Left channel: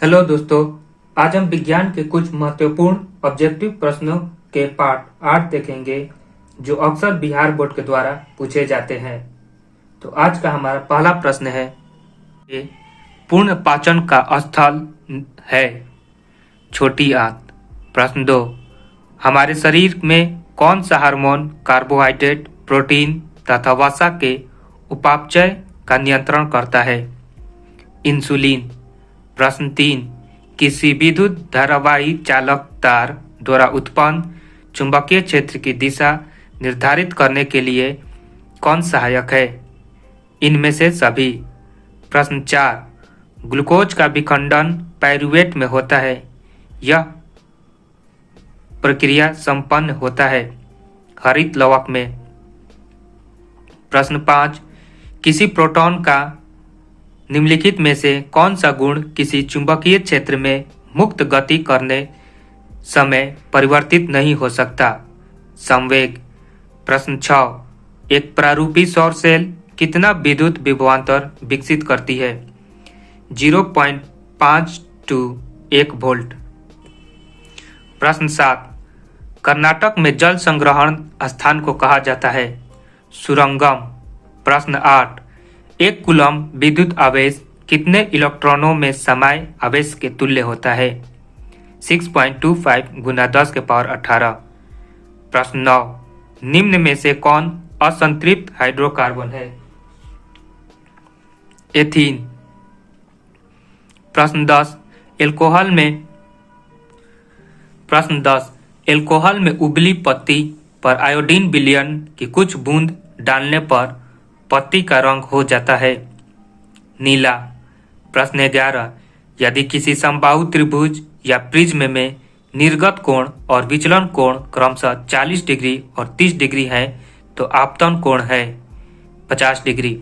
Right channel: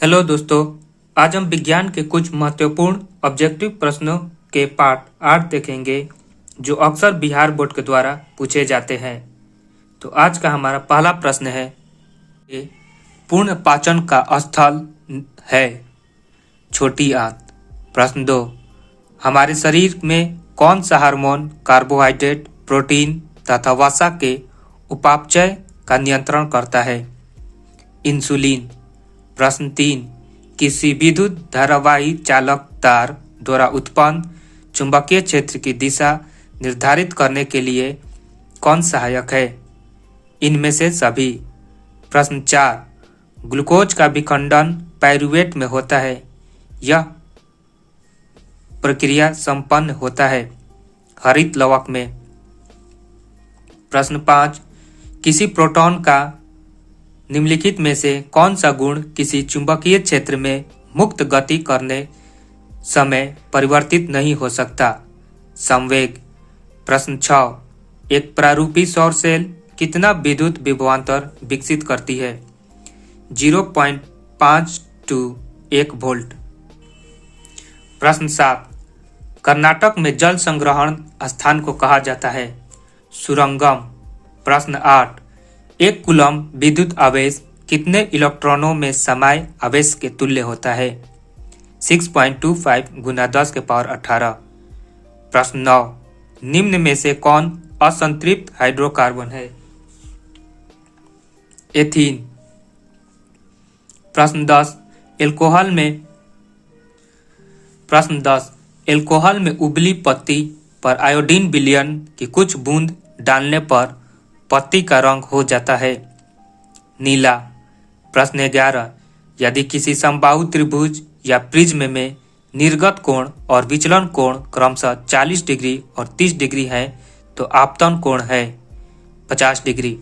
Hello दोस्तों, आज हम विज्ञान के कुछ महत्वपूर्ण ऑब्जेक्टिव प्रश्नों के पार्ट 8 देखेंगे जो अक्सर बिहार बोर्ड के द्वारा पूछे जाते हैं। तो आज का हमारा पहला प्रश्न है, ये पूर्ण पाचन का स्थल है छोटी आंत। प्रश्न 2, हमारे शरीर में कौन सा हार्मोन कार्बोहाइड्रेट, प्रोटीन तथा वसा के उपापचय का नियंत्रण करता है? इंसुलिन। प्रश्न 3, किसी विद्युत धारावाही चालक तार द्वारा उत्पन्न चुंबकीय क्षेत्र की दिशा निर्धारित करने के लिए कौन सहायक है? इनमें से सभी। प्रश्न 4, ग्लूकोज का विखंडन पाइरूवेट में होता है। यह प्रक्रिया संपन्न होता है हरित लवक में। प्रश्न 5, किसी प्रोटॉन का निम्नलिखित में से कौन सा गुण किसी चुंबकीय क्षेत्र में मुक्त गति करने समय परिवर्तित नहीं हो सकता? संवेग। प्रश्न 6, एक प्रारूपी सौर सेल कितना विद्युत विभवांतर विकसित करती है? 0.5 to 1 वोल्ट। प्रश्न 7, कर्नाटक में जल संग्रहण स्थान को कहा जाता है? सुरंगम। प्रश्न 8, एक कूलम विद्युत आवेश कितने इलेक्ट्रॉनों में समाये आवेश के तुल्य होता है? 6.25 गुना 10 के पावर 18। प्रश्न 9, निम्न में से कौन असंतृप्त हाइड्रोकार्बन है? एथीन। प्रश्न 10, एल्कोहल में उबली पत्ती पर आयोडीन विलयन की कुछ बूंद डालने पर पत्ती का रंग हो जाता है नीला। प्रश्न 11, यदि किसी समबाहु त्रिभुज या प्रिज्म में निर्गत कोण और विचलन कोण क्रमशः 40 डिग्री और 30 डिग्री है तो आपतन कोण है 50 डिग्री।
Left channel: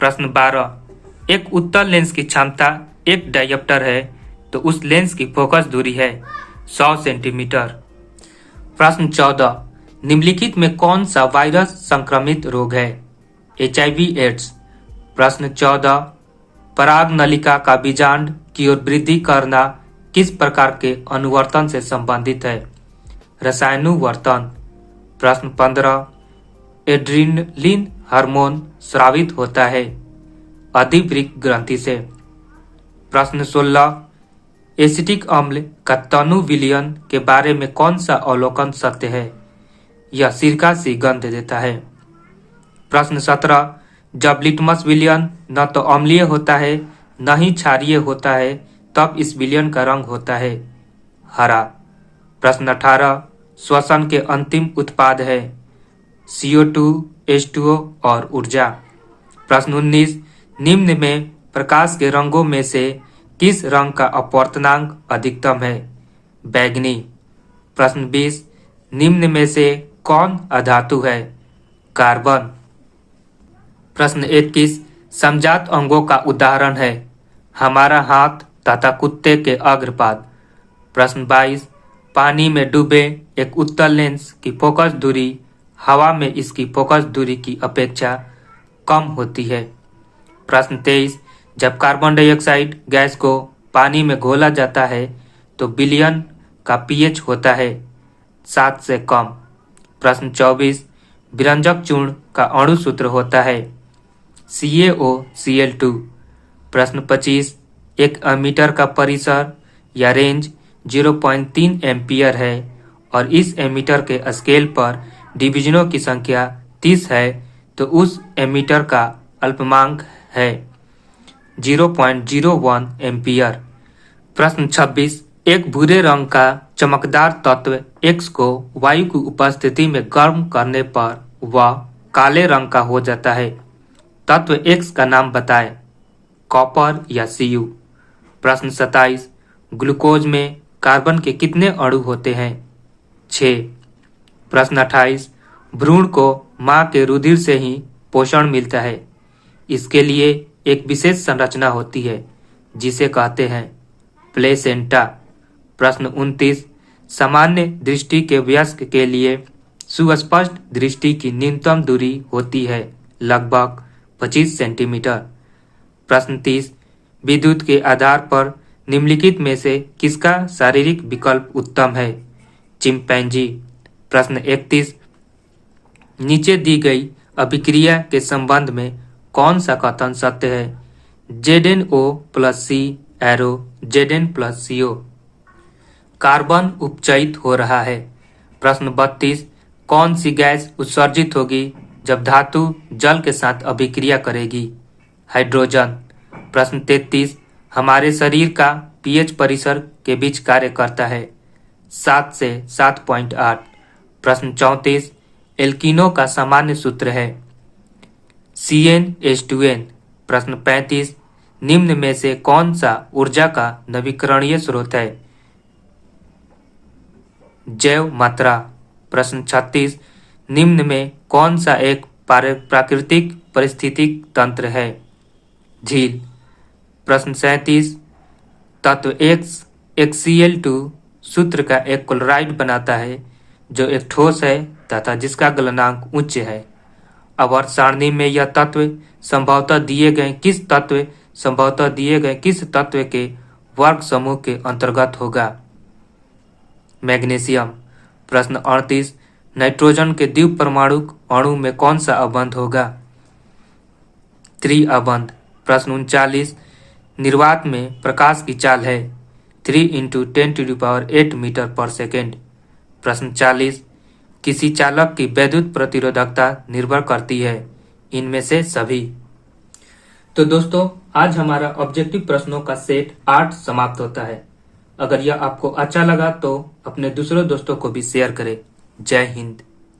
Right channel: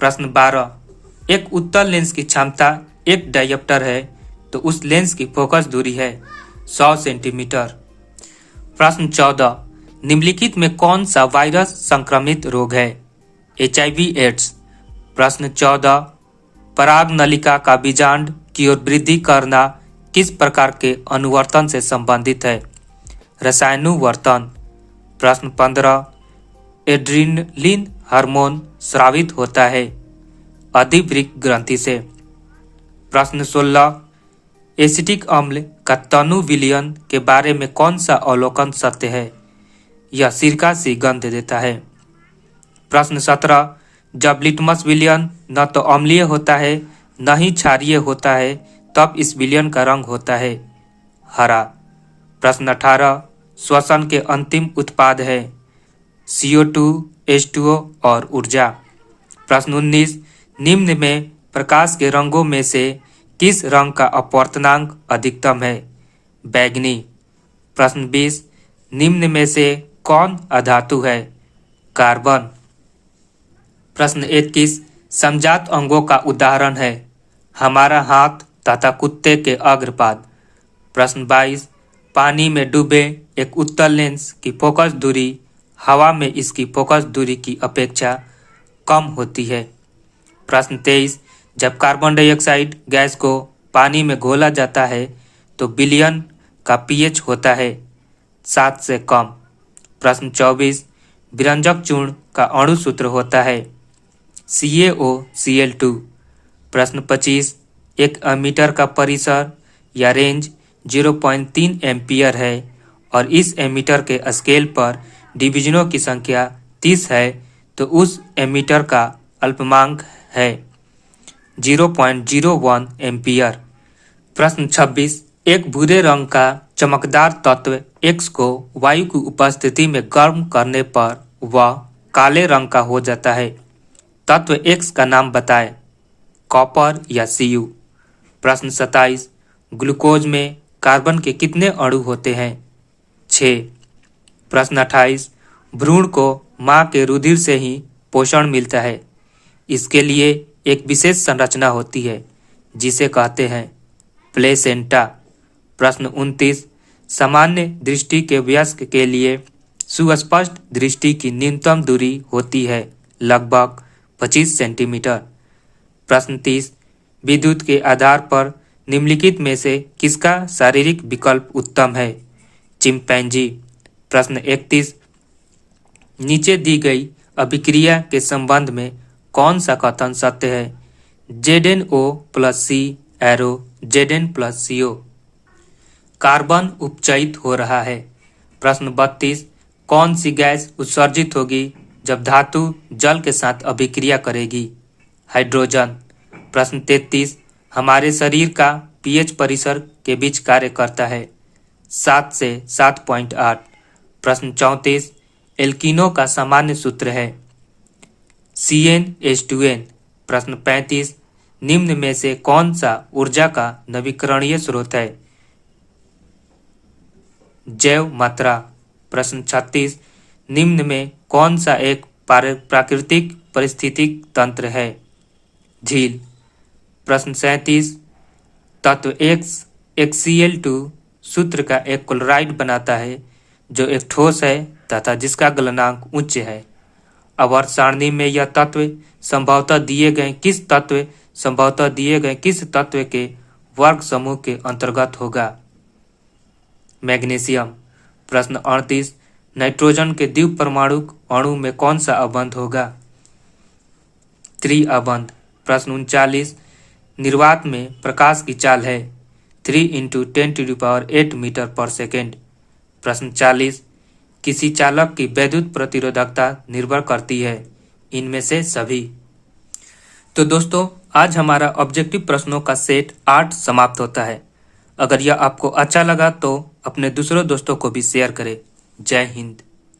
प्रश्न 12, एक उत्तल लेंस की क्षमता 1 डायोप्टर है तो उस लेंस की फोकस दूरी है 100 सेंटीमीटर। प्रश्न 14, निम्नलिखित में कौन सा वायरस संक्रमित रोग है? HIV AIDS. प्रश्न 14, पराग नलिका का बीजांड की ओर वृद्धि करना किस प्रकार के अनुवर्तन से संबंधित है? रसायनुवर्तन। प्रश्न 15, एड्रिनलिन हार्मोन स्रावित होता है अधिवृक्क ग्रंथि से। प्रश्न 16, एसिटिक अम्ल का तनु विलयन के बारे में कौन सा अवलोकन सत्य है? यह सिरका सी गंध देता है। प्रश्न 17, जब लिटमस विलयन न तो अम्लीय होता है न ही क्षारीय होता है तब इस विलयन का रंग होता है हरा। प्रश्न 18, श्वसन के अंतिम उत्पाद है CO2, H2O और ऊर्जा। प्रश्न 19, निम्न में प्रकाश के रंगों में से किस रंग का अपवर्तनांक अधिकतम है? बैंगनी। प्रश्न 20, निम्न में से कौन अधातु है? कार्बन। प्रश्न 21, समजात अंगों का उदाहरण है हमारा हाथ तथा कुत्ते के अग्रपाद। प्रश्न 22, पानी में डूबे एक उत्तल लेंस की फोकस दूरी हवा में इसकी फोकस दूरी की अपेक्षा कम होती है। प्रश्न 23, जब कार्बन डाइऑक्साइड गैस को पानी में घोला जाता है तो विलयन का pH होता है 7 से कम। प्रश्न 24, विरंजक चूर्ण का अणु सूत्र होता है CaOCl2। प्रश्न 25, एक एमीटर का परिसर या रेंज 0.3 एम्पियर है और इस एमीटर के स्केल पर डिवीजनों की संख्या 30 है तो उस एमीटर का अल्पमांक है 0.01 एम्पियर। प्रश्न 26, एक भूरे रंग का चमकदार तत्व X को वायु की उपस्थिति में गर्म करने पर वह काले रंग का हो जाता है। तत्व X का नाम बताएं, कॉपर या Cu। प्रश्न 27, ग्लूकोज में कार्बन के कितने अणु होते हैं? 6। प्रश्न 28, भ्रूण को मां के रुधिर से ही पोषण मिलता है। इसके लिए एक विशेष संरचना होती है जिसे कहते हैं प्लेसेंटा। प्रश्न 29, सामान्य दृष्टि के वयस्क के लिए सुस्पष्ट दृष्टि की न्यूनतम दूरी होती है लगभग 25 सेंटीमीटर। प्रश्न 30, विद्युत के आधार पर निम्नलिखित में से किसका शारीरिक विकल्प उत्तम है? चिंपैंजी। प्रश्न 31, नीचे दी गई अभिक्रिया के संबंध में कौन सा कथन सत्य है? ZnO plus C arrow Zn plus CO। कार्बन उपचयित हो रहा है। प्रश्न 32, कौन सी गैस उत्सर्जित होगी जब धातु जल के साथ अभिक्रिया करेगी? हाइड्रोजन। प्रश्न 33, हमारे शरीर का pH परिसर के बीच कार्य करता है 7 से 7.8। प्रश्न 34, एल्कीनो का सामान्य सूत्र है CnH2n। प्रश्न 35, निम्न में से कौन सा ऊर्जा का नवीकरणीय स्रोत है? जैव मात्रा। प्रश्न 36, निम्न में कौन सा एक प्राकृतिक पारिस्थितिक तंत्र है? झील। प्रश्न 37, तत्व X HCl2 सूत्र का एक क्लोराइड बनाता है जो एक ठोस है तथा जिसका गलनांक उच्च है। आवर्त सारणी में यह तत्व संभवतः दिए गए किस तत्व के वर्ग समूह के अंतर्गत होगा? मैग्नीशियम। प्रश्न 38, नाइट्रोजन के द्विपरमाणुक अणु में कौन सा अबंध होगा? त्रिअबंध। प्रश्न 39, निर्वात में प्रकाश की चाल है 3 × 10⁸ मीटर पर सेकेंड। प्रश्न 40, किसी चालक की वैद्युत प्रतिरोधकता निर्भर करती है इनमें से सभी। तो दोस्तों, आज हमारा ऑब्जेक्टिव प्रश्नों का सेट 8 समाप्त होता है। अगर यह आपको अच्छा लगा तो अपने दूसरे दोस्तों को भी शेयर करें। जय हिंद।